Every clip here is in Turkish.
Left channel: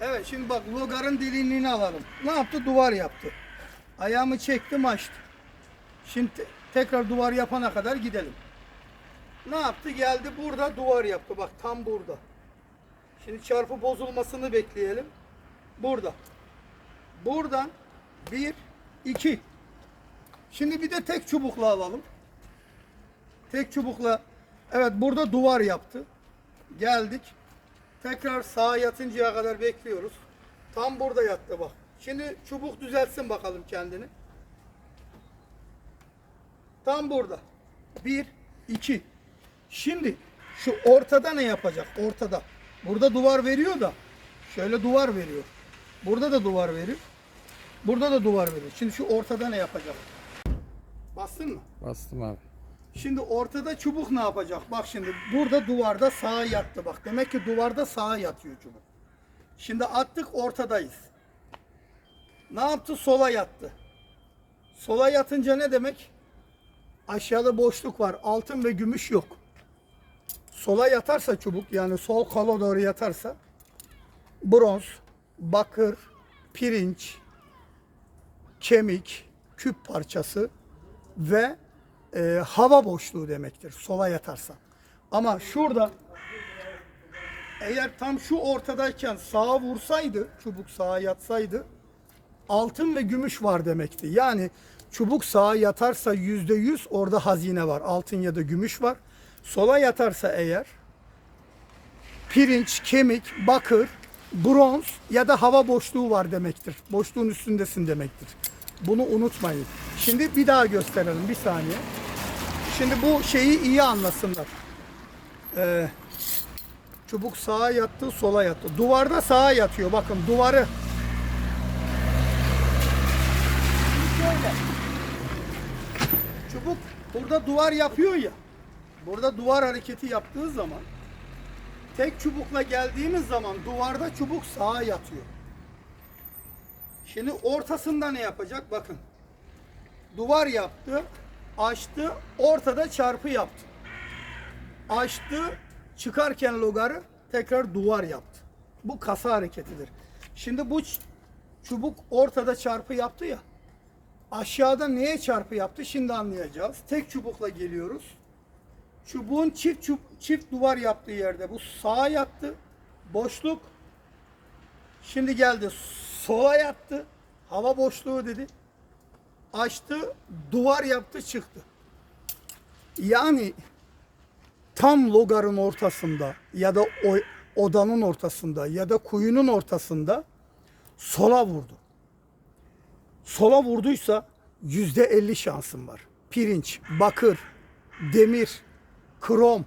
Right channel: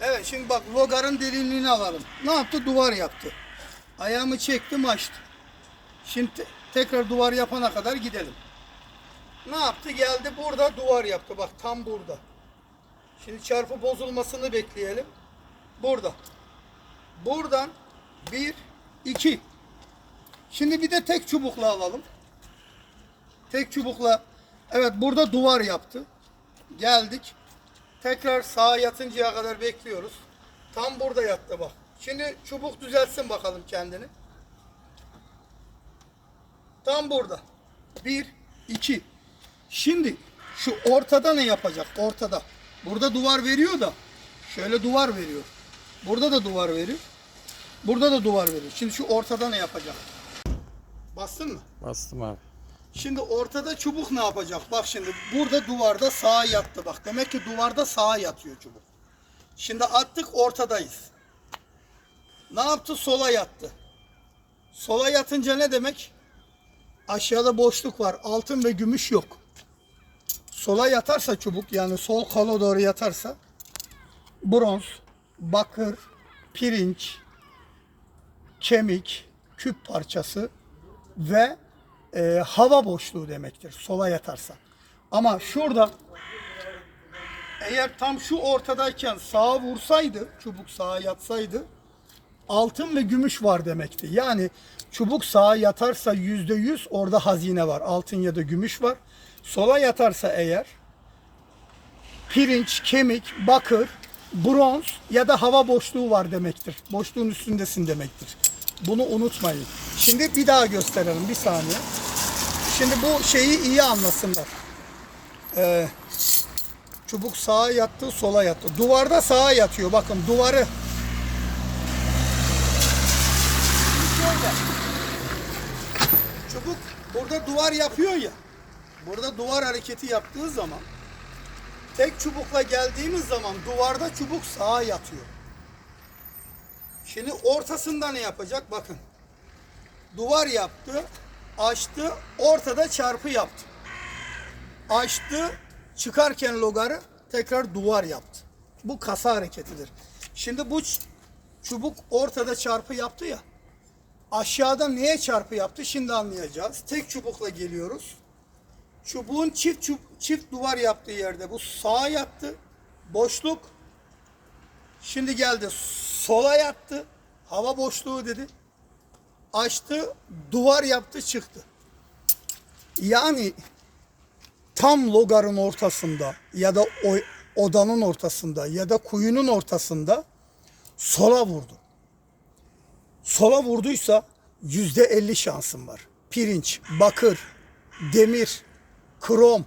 Evet şimdi bak logarın derinliğini alalım. Ne yaptı? Duvar yaptı. Ayağımı çektim açtı. Şimdi te- tekrar duvar yapana kadar gidelim. Ne yaptı? Geldi burada duvar yaptı. Bak tam burada. Şimdi çarpı bozulmasını bekleyelim. Burada. Buradan bir, iki. Şimdi bir de tek çubukla alalım. Tek çubukla. Evet burada duvar yaptı. Geldik. Tekrar sağa yatıncaya kadar bekliyoruz. Tam burada yattı bak. Şimdi çubuk düzeltsin bakalım kendini. Tam burada. Bir, iki. Şimdi şu ortada ne yapacak? Ortada. Burada duvar veriyor da. Şöyle duvar veriyor. Burada da duvar veriyor. Burada da duvar veriyor. Şimdi şu ortada ne yapacak? Bastın mı? Bastım abi. Şimdi ortada çubuk ne yapacak? Bak şimdi burada duvarda sağa yattı bak. Demek ki duvarda sağa yatıyor çubuk. Şimdi attık ortadayız. Ne yaptı? Sola yattı. Sola yatınca ne demek? Aşağıda boşluk var. Altın ve gümüş yok. Sola yatarsa çubuk yani sol kola doğru yatarsa bronz, bakır, pirinç, kemik, küp parçası ve e, hava boşluğu demektir sola yatarsa. Ama şurada eğer tam şu ortadayken sağa vursaydı, çubuk sağa yatsaydı altın ve gümüş var demekti. Yani çubuk sağa yatarsa yüzde yüz orada hazine var. Altın ya da gümüş var. Sola yatarsa eğer pirinç, kemik, bakır, bronz ya da hava boşluğu var demektir. Boşluğun üstündesin demektir. Bunu unutmayın. Şimdi bir daha gösterelim bir saniye. Şimdi bu şeyi iyi anlasınlar. Ee, çubuk sağa yattı, sola yattı. Duvarda sağa yatıyor. Bakın duvarı. Çubuk burada duvar yapıyor ya. Burada duvar hareketi yaptığı zaman tek çubukla geldiğimiz zaman duvarda çubuk sağa yatıyor. Şimdi ortasında ne yapacak? Bakın. Duvar yaptı, açtı, ortada çarpı yaptı. Açtı, çıkarken logarı tekrar duvar yaptı. Bu kasa hareketidir. Şimdi bu çubuk ortada çarpı yaptı ya. Aşağıda neye çarpı yaptı? Şimdi anlayacağız. Tek çubukla geliyoruz. Çubuğun çift çub- çift duvar yaptığı yerde bu sağa yattı. Boşluk. Şimdi geldi sola yattı. Hava boşluğu dedi. Açtı, duvar yaptı, çıktı. Yani tam logarın ortasında ya da o, odanın ortasında ya da kuyunun ortasında sola vurdu. Sola vurduysa yüzde elli şansın var. Pirinç, bakır, demir, krom,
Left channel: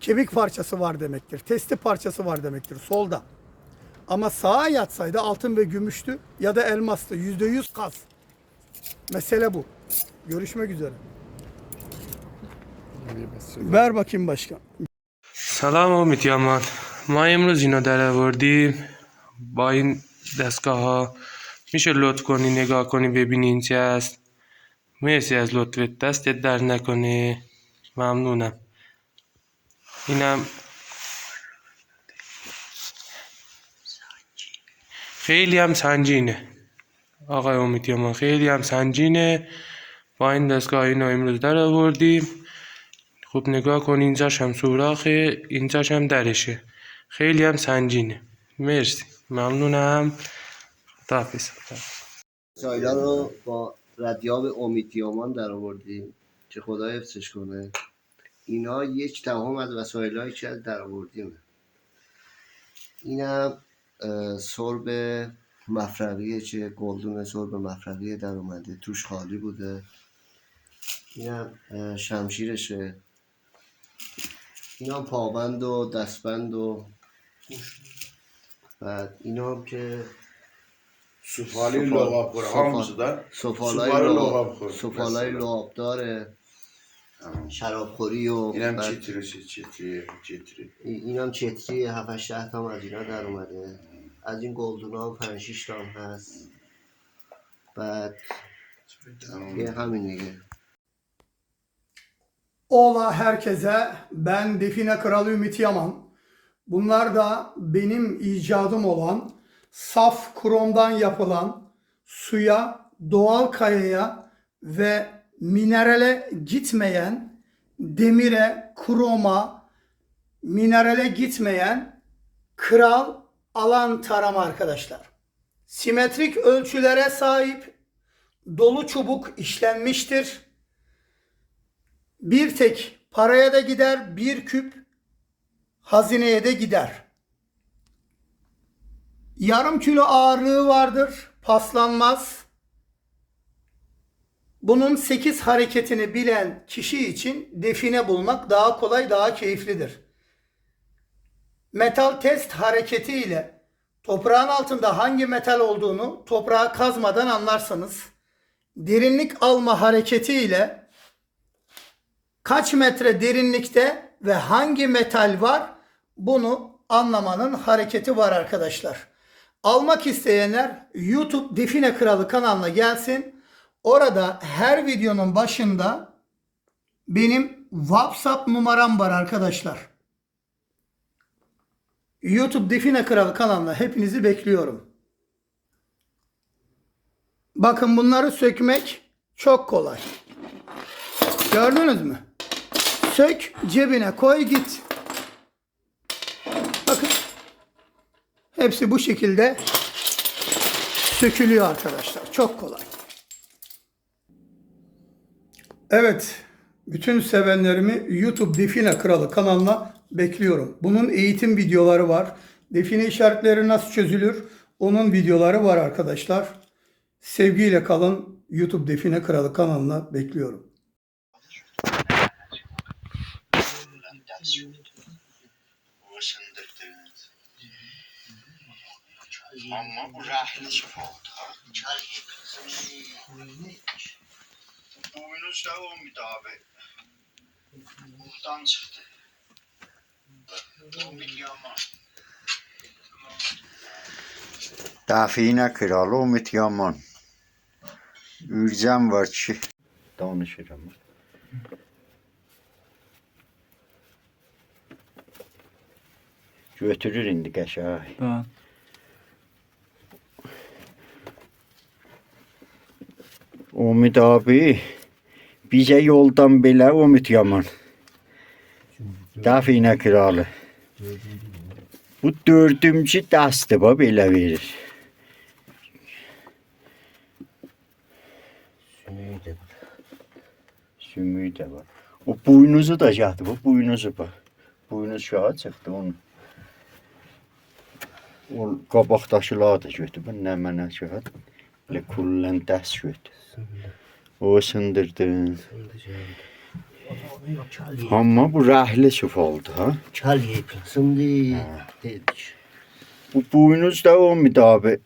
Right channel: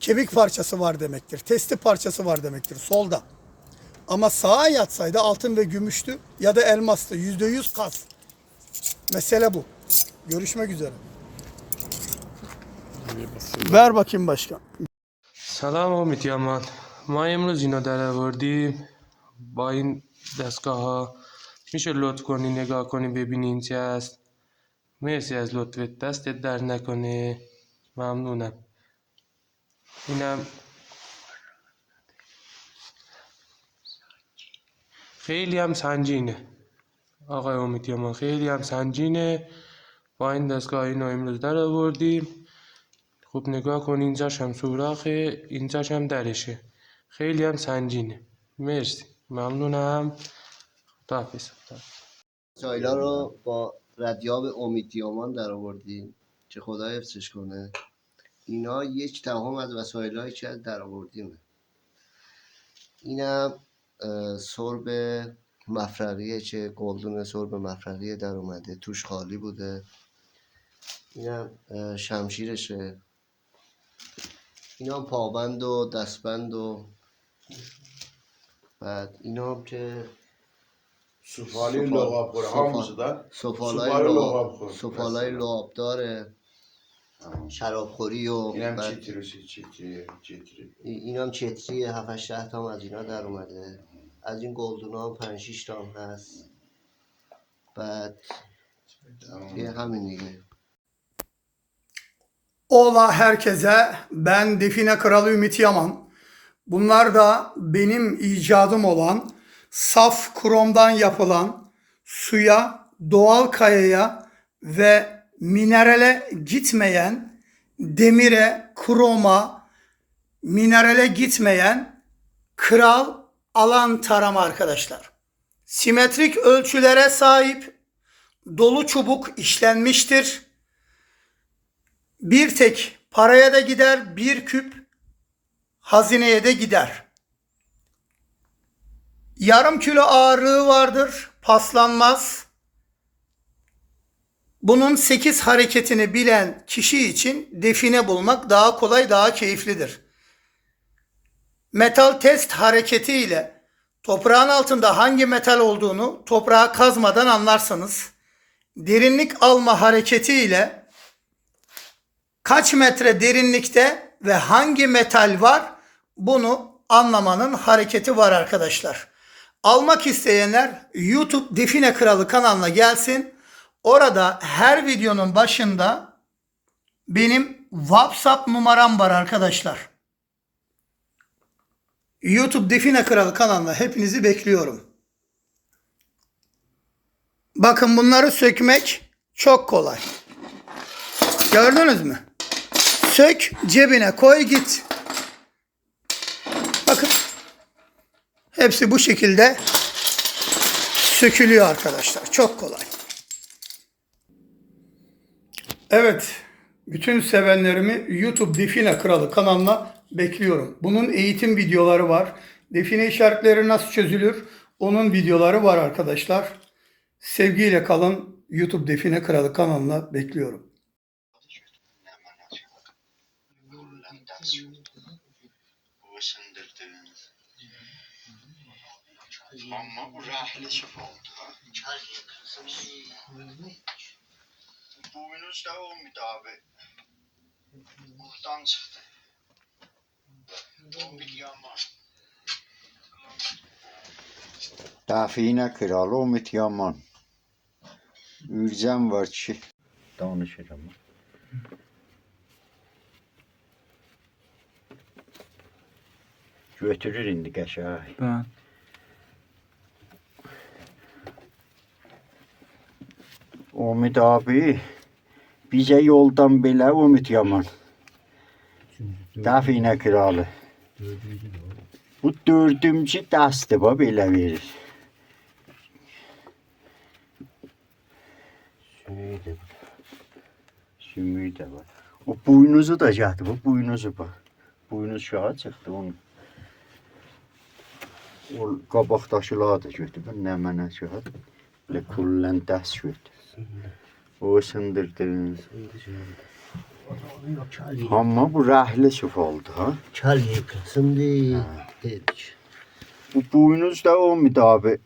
kemik parçası var demektir. Testi parçası var demektir solda. Ama sağa yatsaydı altın ve gümüştü ya da elmastı. Yüzde yüz kas. Mesele bu. Görüşmek üzere. Bir basıyorum. Ver bakayım başkan. سلام امید یامان ما امروز اینا در آوردیم با این دستگاه ها میشه لطف کنی نگاه کنی ببینی این چی هست مرسی از لطفت دستت در نکنه ممنونم اینم خیلی هم سنجینه. آقای امید یامان خیلی هم سنجینه. با این دستگاه اینو امروز در آوردیم. خوب نگاه کن اینجاش هم سوراخه اینجاش هم درشه. خیلی هم سنجینه. مرسی. ممنونم. خداحافظ. سایلا رو با ردیاب امیدیامان در آوردیم. که خدا حفظش کنه. اینا یک دهم از وسایل که در آوردیم. اینم سرب مفرقیه که گلدون سرب مفرقیه در اومده توش خالی بوده. اینم شمشیرشه. اینا پابند و دستبند و بعد اینا هم که سوپا- لغاب خوره سوپا- همونسو da سفالای سوپا رو لعاب لعاب داره شرابخوری و اینم چیتری چیتری ای- اینم چتری 7 8 تا هم از اینا در اومده. از این گلدون هم 5 6 تا هم هست بعد دیگه همین دیگه Ola herkese. Ben Define Kralı Ümit Yaman. Bunlar da benim icadım olan saf kromdan yapılan suya, doğal kayaya ve minerale gitmeyen demire, kroma, minerale gitmeyen kral alan tarama arkadaşlar. Simetrik ölçülere sahip dolu çubuk işlenmiştir. Bir tek paraya da gider, bir küp hazineye de gider. Yarım kilo ağırlığı vardır, paslanmaz. Bunun 8 hareketini bilen kişi için define bulmak daha kolay, daha keyiflidir. Metal test hareketi ile toprağın altında hangi metal olduğunu toprağa kazmadan anlarsınız. Derinlik alma hareketi ile kaç metre derinlikte ve hangi metal var bunu anlamanın hareketi var arkadaşlar. Almak isteyenler YouTube Define Kralı kanalına gelsin. Orada her videonun başında benim WhatsApp numaram var arkadaşlar. YouTube Define Kralı kanalına hepinizi bekliyorum. Bakın bunları sökmek çok kolay. Gördünüz mü? Sök, cebine koy git. Bakın. Hepsi bu şekilde sökülüyor arkadaşlar. Çok kolay. Evet. Bütün sevenlerimi YouTube Define Kralı kanalına bekliyorum. Bunun eğitim videoları var. Define işaretleri nasıl çözülür? Onun videoları var arkadaşlar. Sevgiyle kalın. YouTube Define Kralı kanalına bekliyorum. Ama bu rahlesi oldu. Boynuz da olmadı abi. Buradan çıktı. Bu yama. Define kralı Umut Yaman. Ürcem var ki danışırım. Götürür indi qəşəng. Ben. Umut abi bizə yoldan belə Umut Yaman. Define kralı. Bu dördüncü dəstdir bax belə verir. Sümüğü de var. O buynuzu da yaptı. Bu buynuzu bak. Buynuz şaha çıktı onun. O qabaqdaşılar da götür. Bu nə mənə şaha. Belə kullan dəst götür. O sındırdı. Amma bu rəhli süf oldu ha. Çal yıkılsın diye dedik. Bu buynuz da o abi.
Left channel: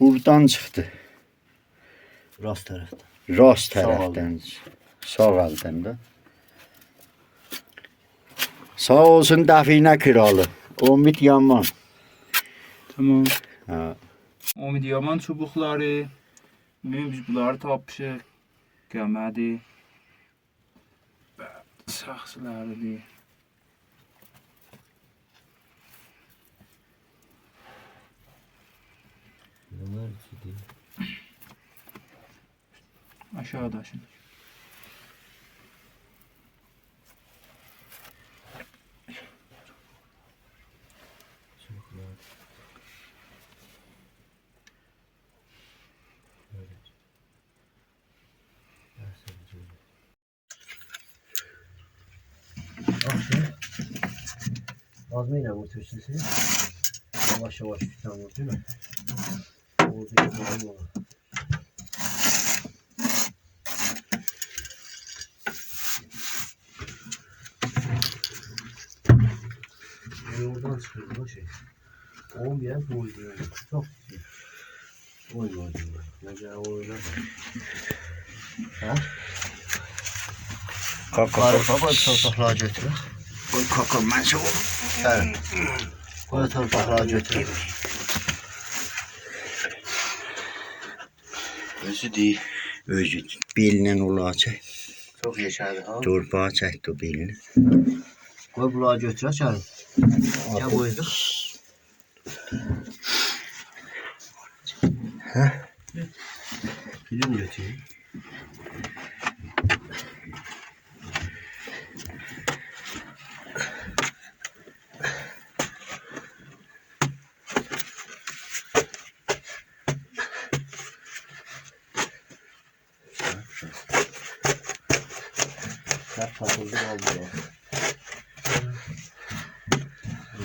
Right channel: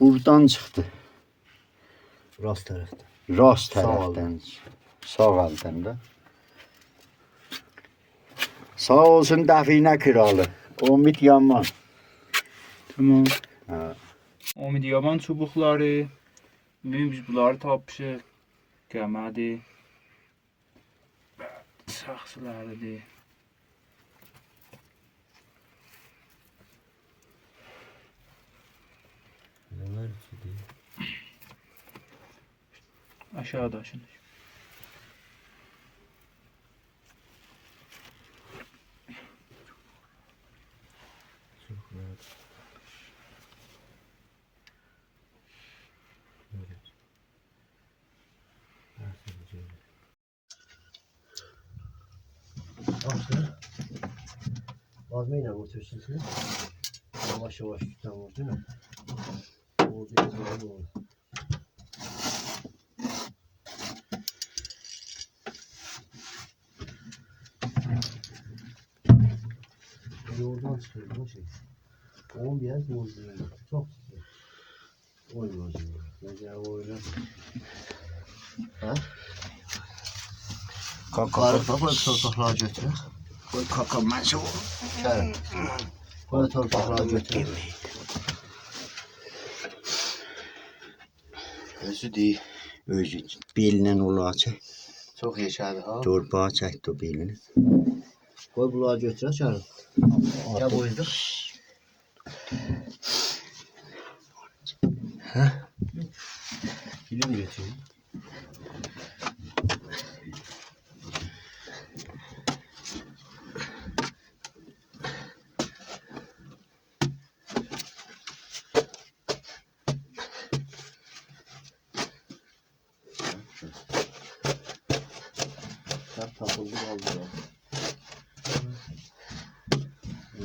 Buradan çıxdı. Rast tarafta. Rast Sağ tərəfdən. Sağ əldən də. Sağ olsun Dəfinə kralı. Umid Yaman. Tamam. Ha. Umid Yaman çubukları. Bugün biz bunları tapmışıq. Gəmədi. Saxsılardı. Bunlar iki değil. Aşağıda şimdi. Vazmeyle vur türsüsünü. Yavaş yavaş değil mi? Vur bir vurma. Yani oradan çıkıyor bu şey. Oğlum bir yer doyuyor. Çok güzel. Oyma hocam. Mesela oyna. Ha? Kaka. Baba torpaklığa götür. Koy kaka mən sağ ol. Evet. Koy torpaklığa götür. Özü değil. Özü bilinən ulağı çək. Çok yaşadı ha. Torpağı çək o bilini. Koy bulağa götür çay. Ya bu yüzden. Film götürüyor. Hep takıldı kaldı ya.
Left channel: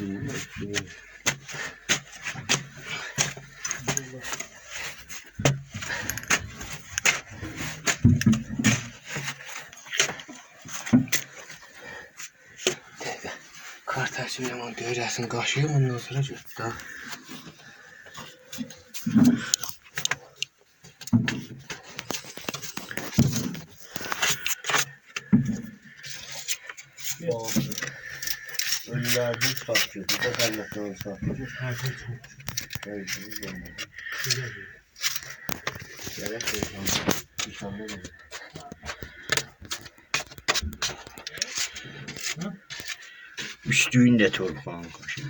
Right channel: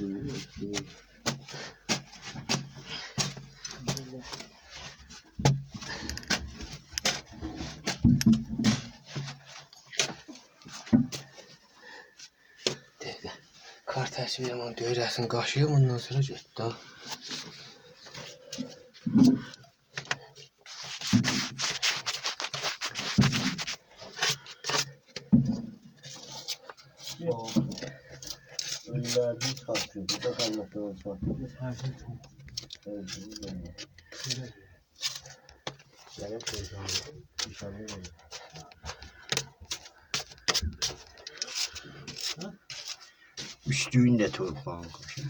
Bilmiyorum. Kardeşim ama görüyorsun kaşıyor ondan sonra götü Ölülerden çıkartıyor. Bir de kaynaklarını çıkartıyor. Her şey şey. Gerek yok. İnşallah olur. Üstüyün də torpağın qaşı.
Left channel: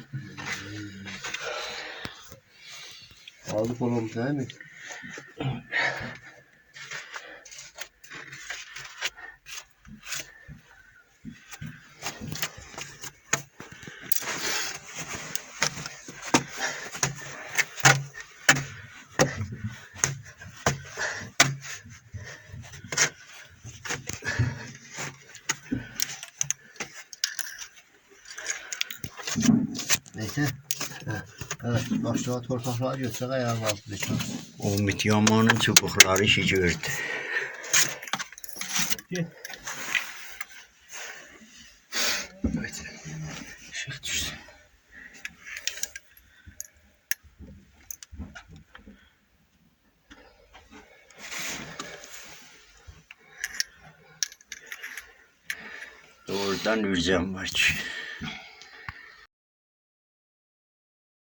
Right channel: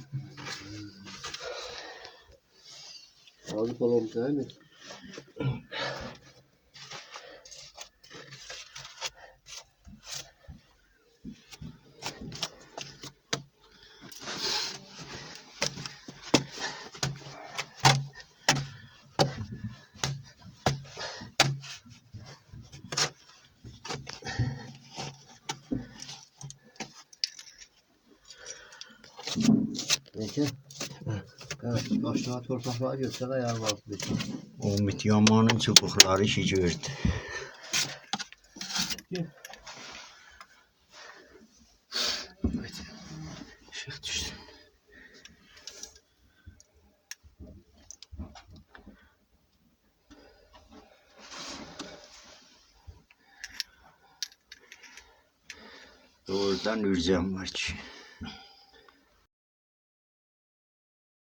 Ağzı falan değil mi? Neyse. Ha, Evet, aşağı torpaklar götürsen ayağa kalktı dışarı. Umid Yamanın çubuqları işi gördü. Evet. Işık düşsün. Oradan ürcəm var ki.